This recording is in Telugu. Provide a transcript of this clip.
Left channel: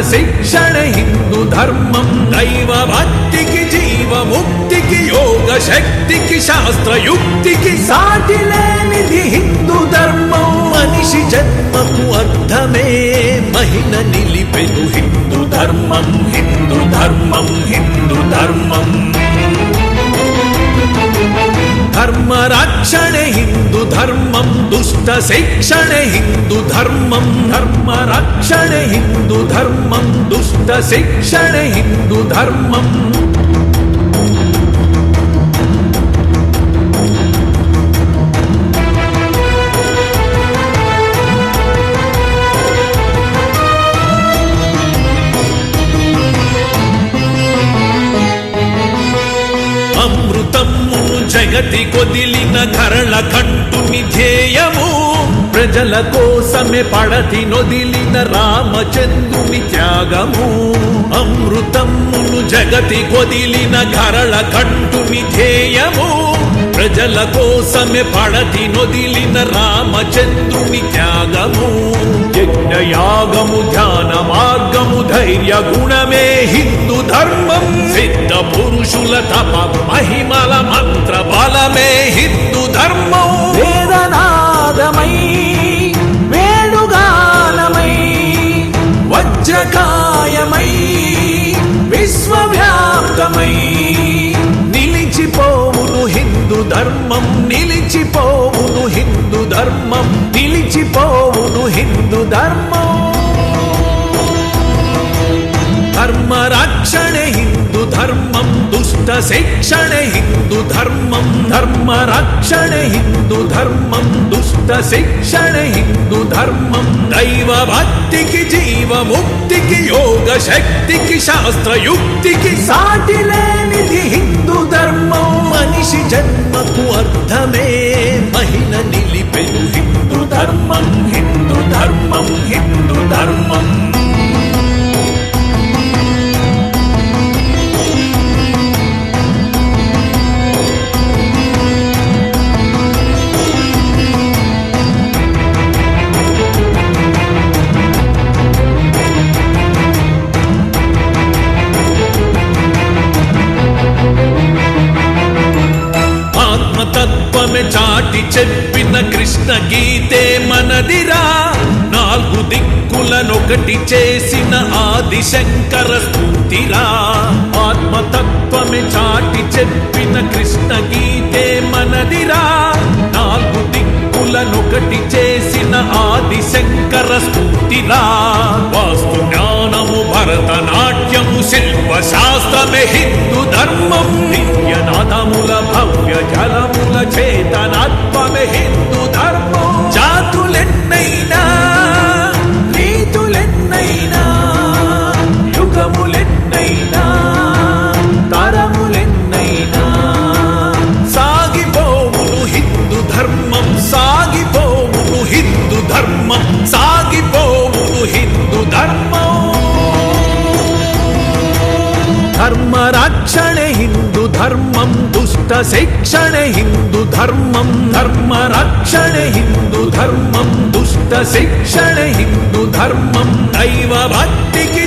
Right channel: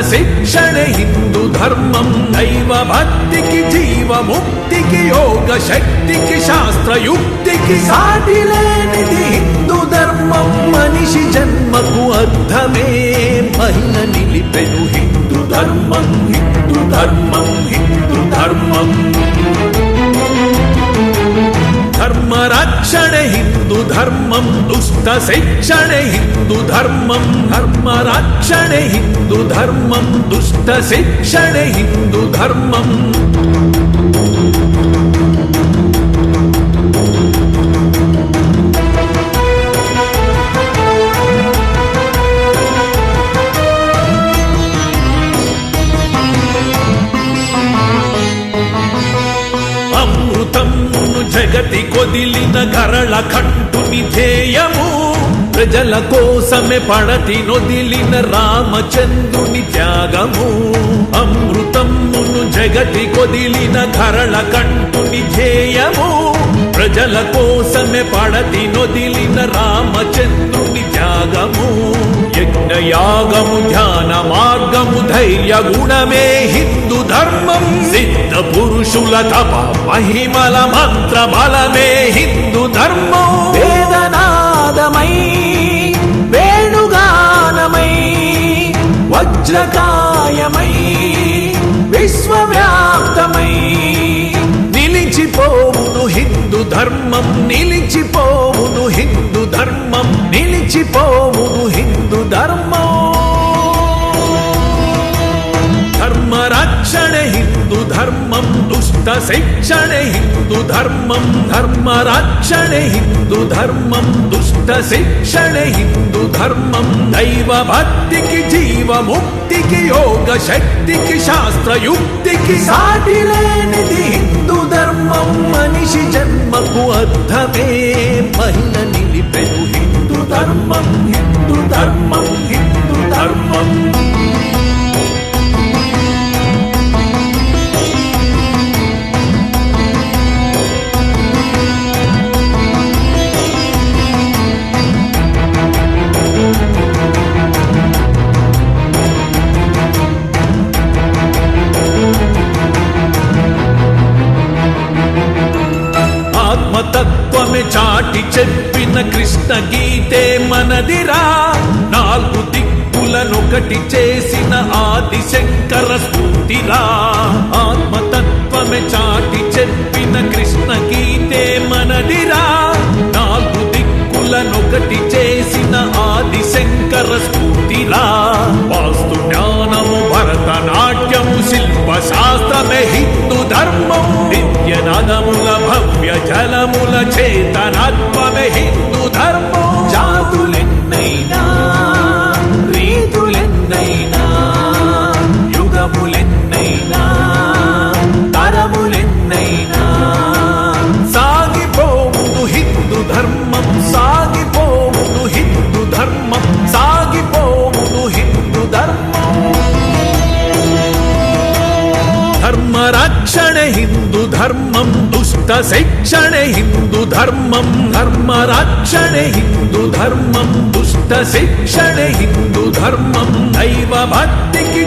శిక్షణే హిందూ ధర్మం. దైవ భక్తికి జీవ ముక్తికి యోగ శక్తికి శాస్త్ర యుక్తికి సాటి లేనిది హిందూ ధర్మం. మనిషి జన్మకు అర్థమే మహిళ నిలిపెను హిందూ ధర్మం. హిందూ ధర్మం హిందూ ధర్మం. ధర్మ రక్షణే హిందూ ధర్మం. దుష్ట శిక్షణే హిందూ ధర్మం. ధర్మ రక్షణే హిందూ ధర్మం. దుష్ట శిక్షణే హిందూ ధర్మం. జగతి కొదిలిన గరళ కంటుని ధ్యేయము. ప్రజల కోసమే పడది నొదిలిన రామచంద్రుని త్యాగము. అమృతమును జగతి కొదిలిన గరళ కంటుని ధ్యేయము. ప్రజల కోసమే పడది నొదిలిన రామచంద్రుని త్యాగము. యజ్ఞయాగము ధ్యాన మార్గము ధైర్య గుణమే హిందూ ధర్మం. సిద్ధ పురుషుల తప మహిమల మంత్ర బలమే హిందూ ధర్మం. వేదనాదమై వేణుగాలమై వజ్రకాయమై విశ్వవ్యాప్తమై నిలిచిపోవును హిందూ ధర్మం. నిలిచిపోవును హిందూ ధర్మం. నిలిచిపోవును హిందూ ధర్మం. ధర్మ రక్షణే హిందూ ధర్మం. దుష్ట శిక్షణే హిందూ ధర్మం. ధర్మ రక్షణే హిందూ ధర్మం. దుష్ట శిక్షణే హిందూ ధర్మం. దైవ భక్తికి జీవ ముక్తికి యోగ శక్తికి శాస్త్ర యుక్తికి సాటి లేనిది హిందూ ధర్మం. మనిషి జన్మకు అర్థమే మహిళ నిలిపెను హిందూ ధర్మం. హిందూ ధర్మం హిందూ ధర్మం. చాటి చెప్పిన కృష్ణ గీతే మనదిరా. నాలుగు దిక్కులనొకటి చేసిన ఆది శంకర స్ఫూర్తిరా. ఆత్మతత్వమే చాటి చెప్పిన కృష్ణ గీతే మనదిరా. నాలుగు దిక్కులనొకటి చేసిన ఆది శంకర స్ఫూర్తిరా. వాస్తు జ్ఞానము భరతనాట్యము శిల్ప శాస్త్రమే హిందూ ధర్మం. నిత్యనాదముల భవ్య జలముల చేతనాత్మమే హిందూ ధర్మం. జాతులెన్నైనా రీతులెన్నైనా యుగములెన్నైనా తరములెన్నైనా సాగిపోవును హిందూ ధర్మం. సాగిపోవును హిందూ ధర్మం. సాగిపోవును హిందూ ధర్మం. ధర్మ రక్షణే హిందూ ధర్మం. దుష్ట శిక్షణే హిందూ ధర్మం. ధర్మ రక్షణే హిందూ ధర్మం. దుష్ట శిక్షణే హిందూ ధర్మం. దైవ భక్తికి